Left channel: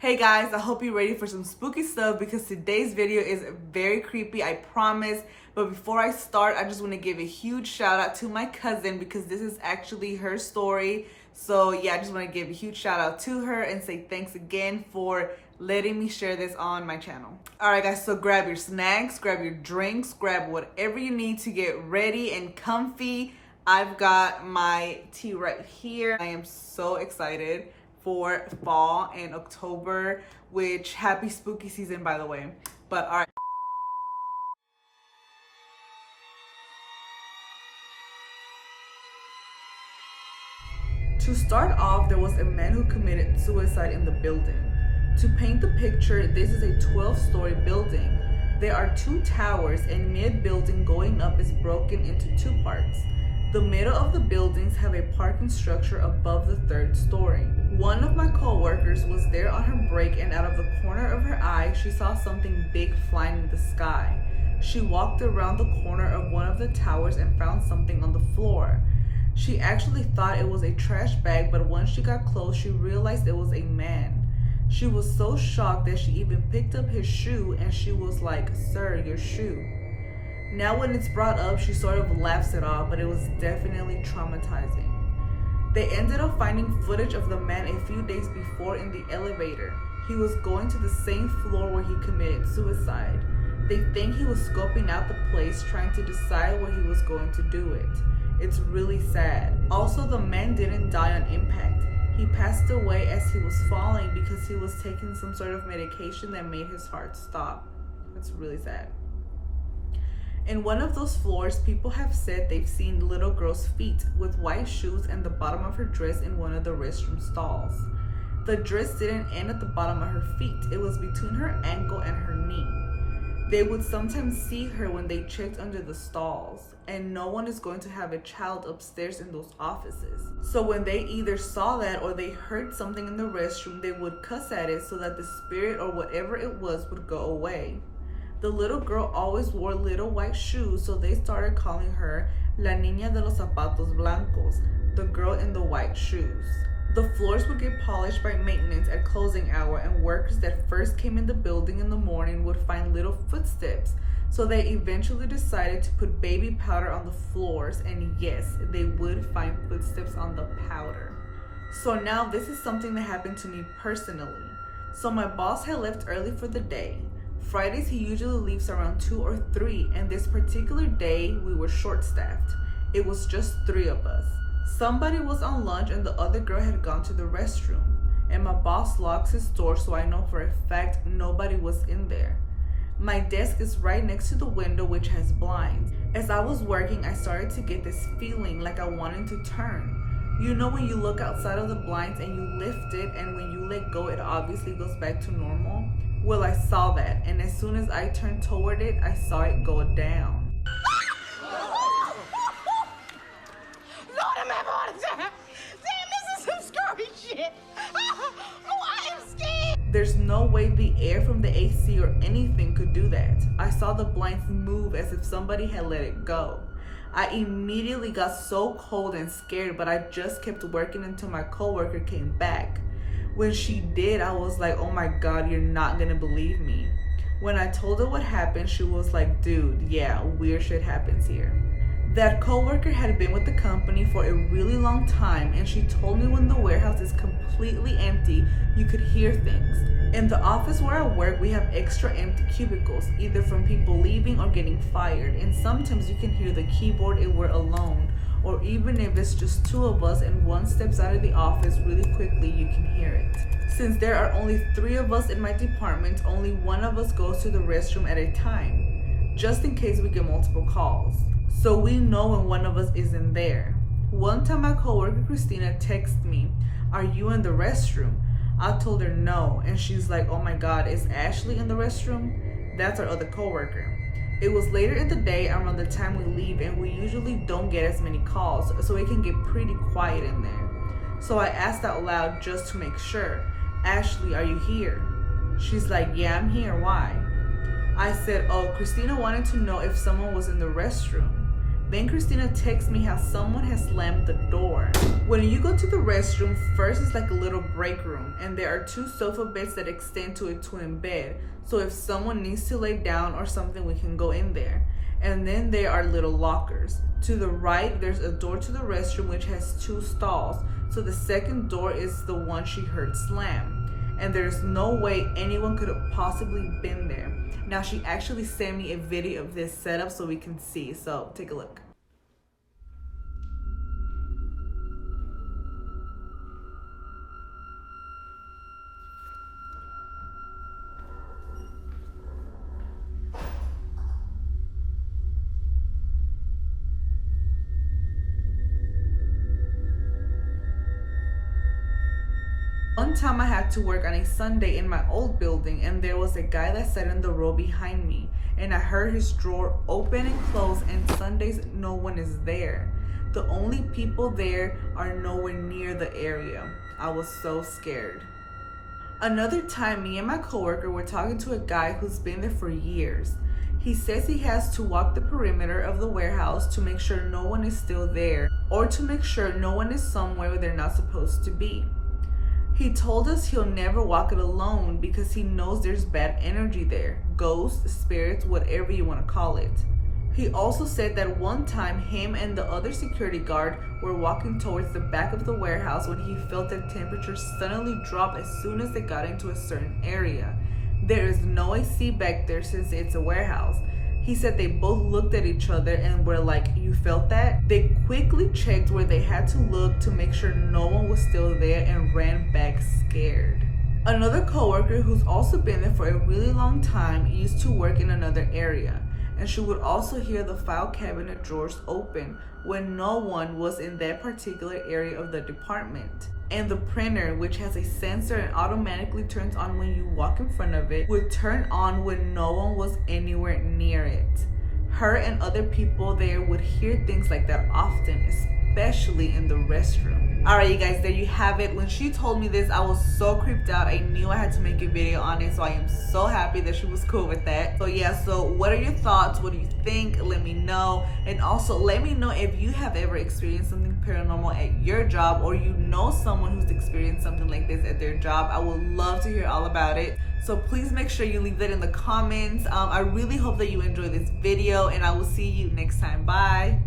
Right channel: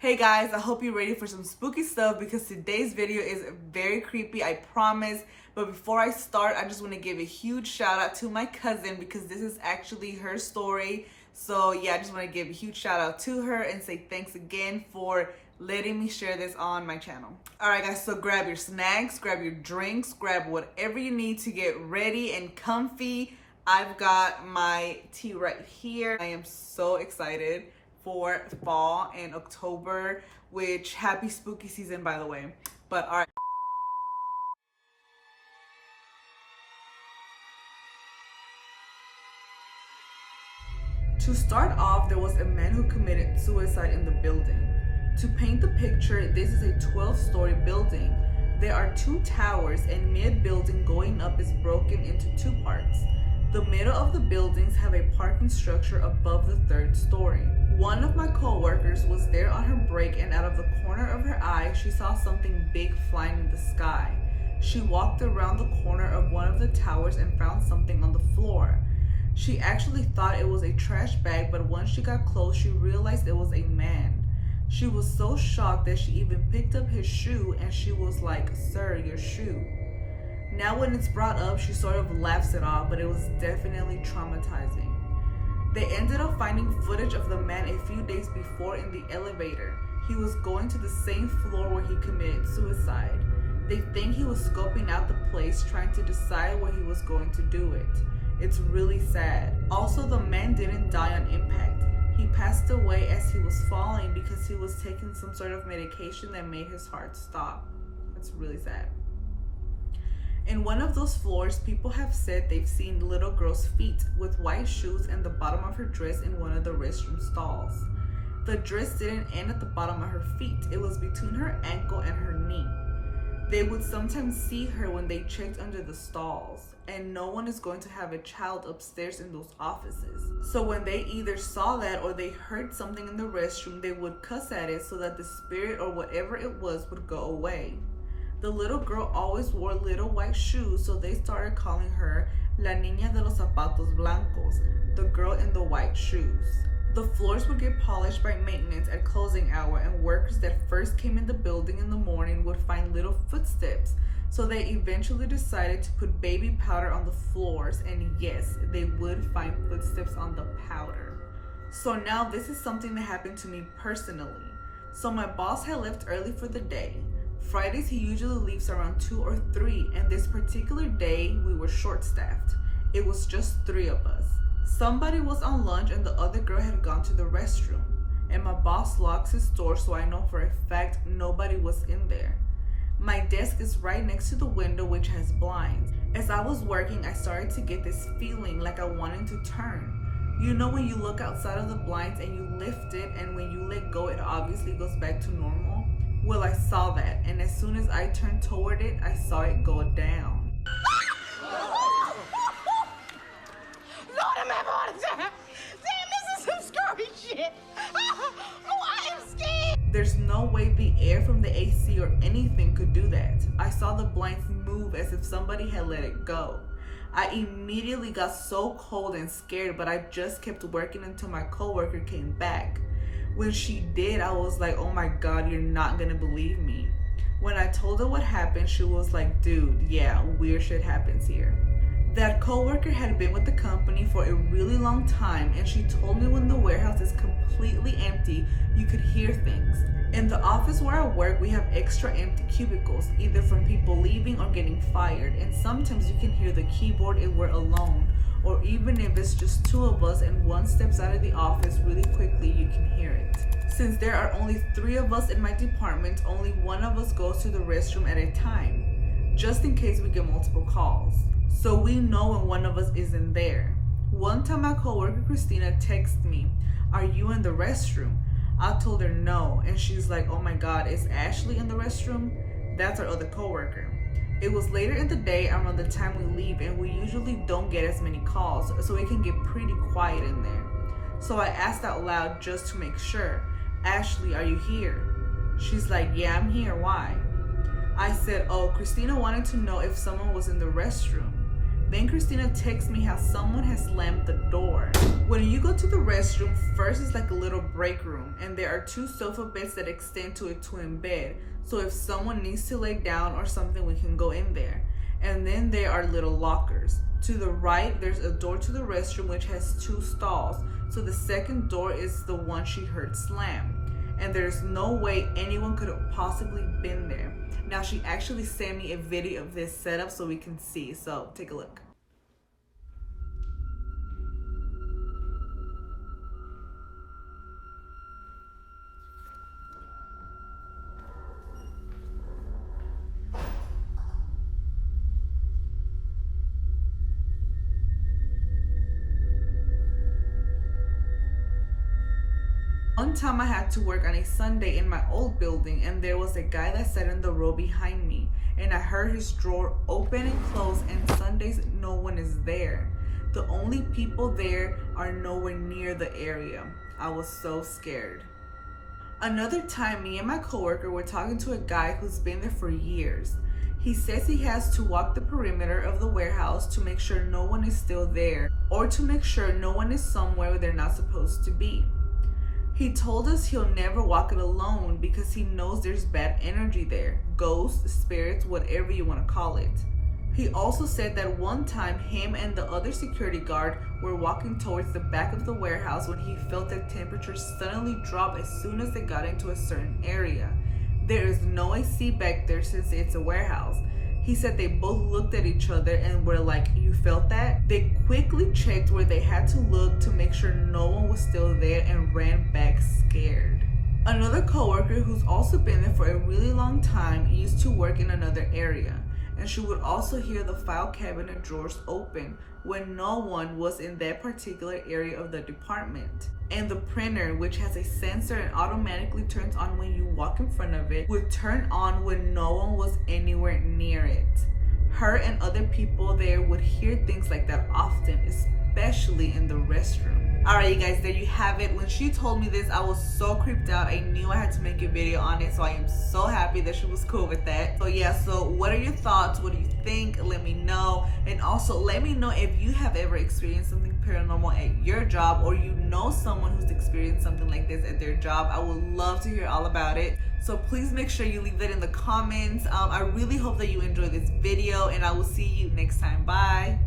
Hey guys, I hope you're ready for some spooky stuff because today's video is very creepy, I promise. But before I start, I just want to give a huge shout out to my cousin because this is actually her story. So yeah, I just want to give a huge shout out to her and say thanks again for letting me share this on my channel. All right guys, so grab your snacks, grab your drinks, grab whatever you need to get ready and comfy. I've got my tea right here. I am so excited for fall and October, which happy spooky season, by the way. But all right. To start off, there was a man who committed suicide in the building. To paint the picture, this is a 12-story building. There are 2 towers and mid-building going up is broken into 2 parts. The middle of the buildings have a parking structure above the 3rd story. One of my co-workers was there on her break and out of the corner of her eye, she saw something big flying in the sky. She walked around the corner of one of the towers and found something on the floor. She actually thought it was a trash bag, but once she got close, she realized it was a man. She was so shocked that she even picked up his shoe and she was like, "Sir, your shoe." Now when it's brought up, she sort of laughs it off, but it was definitely traumatizing. They ended up finding footage of the man a few days before in the elevator. He was going to the same floor where he committed suicide. They think he was scoping out the place, trying to decide where he was going to do it. It's really sad. Also, the man didn't die on impact. He passed away as he was falling because he was taking some sort of medication that made his heart stop. That's really sad. In one of those floors, people have said they've seen little girl's feet with white shoes and the bottom of her dress in one of the restroom stalls. The dress didn't end at the bottom of her feet. It was between her ankle and her knee. They would sometimes see her when they checked under the stalls, and no one is going to have a child upstairs in those offices. So when they either saw that or they heard something in the restroom, they would cuss at it so that the spirit or whatever it was would go away. The little girl always wore little white shoes, so they started calling her La Niña de los Zapatos Blancos, the girl in the white shoes. The floors would get polished by maintenance at closing hour, and workers that first came in the building in the morning would find little footsteps, so they eventually decided to put baby powder on the floors, and yes, they would find footsteps on the powder. So now this is something that happened to me personally. So my boss had left early for the day. Fridays he usually leaves around 2 or 3, and this particular day we were short-staffed. It was just 3 of us. Somebody was on lunch and the other girl had gone to the restroom, and my boss locks his door, so I know for a fact nobody was in there. My desk is right next to the window, which has blinds. As I was working, I started to get this feeling like I wanted to turn. You know when you look outside of the blinds and you lift it, and when you let go it obviously goes back to normal? Well, I saw that, and as soon as I turned toward it, I saw it go down. Lord, I'm having a heart attack. Damn, this is some scary shit. Oh, I am scared. There's no way the air from the AC or anything could do that. I saw the blinds move as if somebody had let it go. I immediately got so cold and scared, but I just kept working until my coworker came back. When she did, I was like, "Oh my God, you're not gonna believe me." When I told her what happened, she was like, "Dude, yeah, weird shit happens here." That coworker had been with the company for a really long time, and she told me when the warehouse is completely empty, you could hear things. In the office where I work, we have extra empty cubicles, either from people leaving or getting fired, and sometimes you can hear the keyboard if we're alone, or even if it's just 2 of us and one steps out of the office really quickly, you can hear it. Since there are only 3 of us in my department, only one of us goes to the restroom at a time, just in case we get multiple calls. So we know when one of us isn't there. One time my coworker Christina texted me, "Are you in the restroom?" I told her no, and she's like, "Oh my God, is Ashley in the restroom?" That's our other coworker. It was later in the day around the time we leave, and we usually don't get as many calls, so it can get pretty quiet in there. So I asked out loud just to make sure, "Ashley, are you here?" She's like, "Yeah, I'm here, why?" I said, "Oh, Christina wanted to know if someone was in the restroom." Then Christina texts me how someone has slammed the door. When you go to the restroom, first it's like a little break room, and there are 2 sofa beds that extend to a twin bed. So if someone needs to lay down or something, we can go in there. And then there are little lockers. To the right, there's a door to the restroom which has 2 stalls. So the second door is the one she heard slam. And there's no way anyone could have possibly been there. Now she actually sent me a video of this setup so we can see. So take a look. One time I had to work on a Sunday in my old building, and there was a guy that sat in the row behind me, and I heard his drawer open and close, and Sundays no one is there. The only people there are nowhere near the area. I was so scared. Another time, me and my coworker were talking to a guy who's been there for years. He says he has to walk the perimeter of the warehouse to make sure no one is still there, or to make sure no one is somewhere where they're not supposed to be. He told us he'll never walk it alone because he knows there's bad energy there, ghosts, spirits, whatever you want to call it. He also said that one time him and the other security guard were walking towards the back of the warehouse when he felt the temperature suddenly drop as soon as they got into a certain area. There is no AC back there since it's a warehouse. He said they both looked at each other and were like, "You felt that?" They quickly checked where they had to look to make sure no one was still there and ran back scared. Another coworker who's also been there for a really long time used to work in another area, and she would also hear the file cabinet drawers open when no one was in that particular area of the department. And the printer, which has a sensor and automatically turns on when you walk in front of it, would turn on when no one was anywhere near it. Her and other people there would hear things like that often, especially in the restroom. Alright, you guys, there you have it. When she told me this, I was so creeped out. I knew I had to make a video on it, so I am so happy that she was cool with that. So yeah, so what are your thoughts? What do you think? Let me know. And also let me know if you have ever experienced something paranormal at your job, or you know someone who's experienced something like this at their job. I would love to hear all about it. So please make sure you leave that in the comments. I really hope that you enjoyed this video, and I will see you next time. Bye.